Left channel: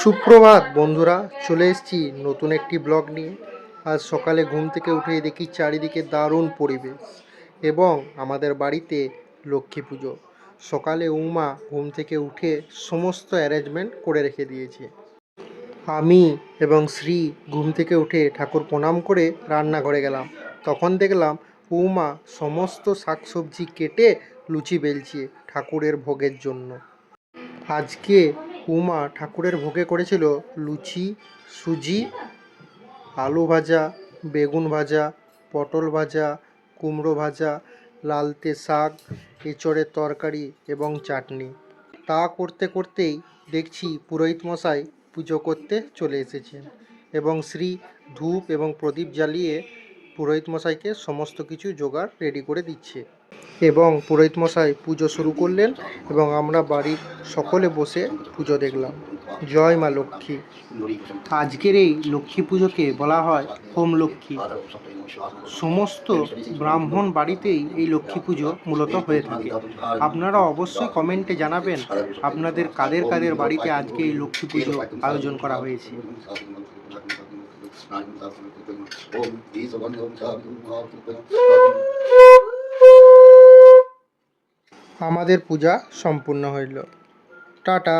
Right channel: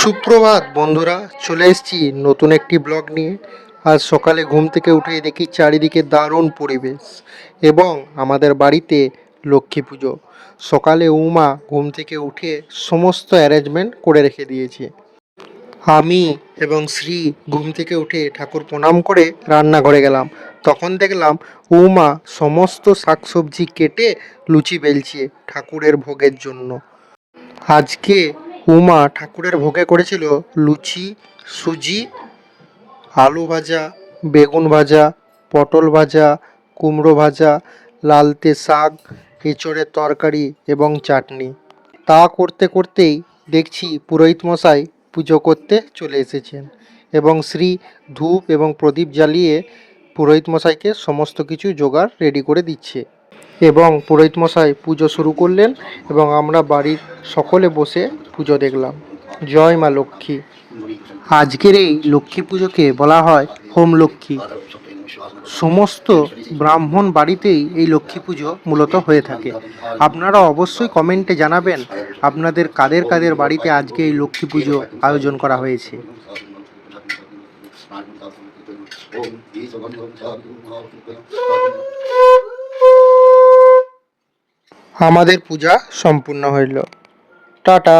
সুপ্রভাত বন্ধুরা, চলে এসেছি নতুন একটি ব্লগ নিয়ে। আজ সকালে ঘুম থেকে উঠেই দেখি চারিদিকে দারুণ পরিবেশ এবং আমাদের বাড়িতে লক্ষ্মী পুজো। সকালে উমা ঘুম থেকে উঠে সমস্ত অ্যারেঞ্জমেন্ট করে রেখে দিয়েছে। আমি এবং শ্রী ঘুম থেকে উঠে ঠাকুর প্রণাম করে রান্নাঘরে গেলাম। তখন দেখলাম উমা সমস্ত শাকসবজি কেটে লুচি বেলছে ঠাকুরের ভোগের জন্য। আজকে উমা ঠাকুরের ভোগে করেছিল লুচি, সুজি, আলু ভাজা, বেগুন ভাজা, পটল ভাজা, কুমড়ো ভাজা, লালতে শাক, এঁচোড়ের তরকারি এবং চাটনি। তা করতে করতেই দেখছি পুরোহিত মশাই পুজো করতে চলে এসেছেন এবং শ্রী ধূপ এবং প্রদীপ জ্বালিয়ে পুরোহিত মশাইকে সমস্ত কিছু জোগাড় রেডি করে দিচ্ছে এবং পুরোহিত মশাই পুজো শুরু করলেন এবং আমরা বাড়ির সকলে বসে পুজো দেখলাম। জয় মা লক্ষ্মী। আজকের এই লক্ষ্মী পুজোকে বলা হয় হোম লক্ষ্মী। সমস্ত ব্রাহ্মণ বাড়িতেই এই লক্ষ্মী পুজো মূলত হয়ে থাকে। আপনারা অবশ্যই কমেন্টে জানাবেন আপনাদের কাদের কাদের বাড়িতে আজকে এই লক্ষ্মী পুজো আয়োজন করা হয়েছে। আমাদের পূজা সম্পূর্ণ হইল। টাটা।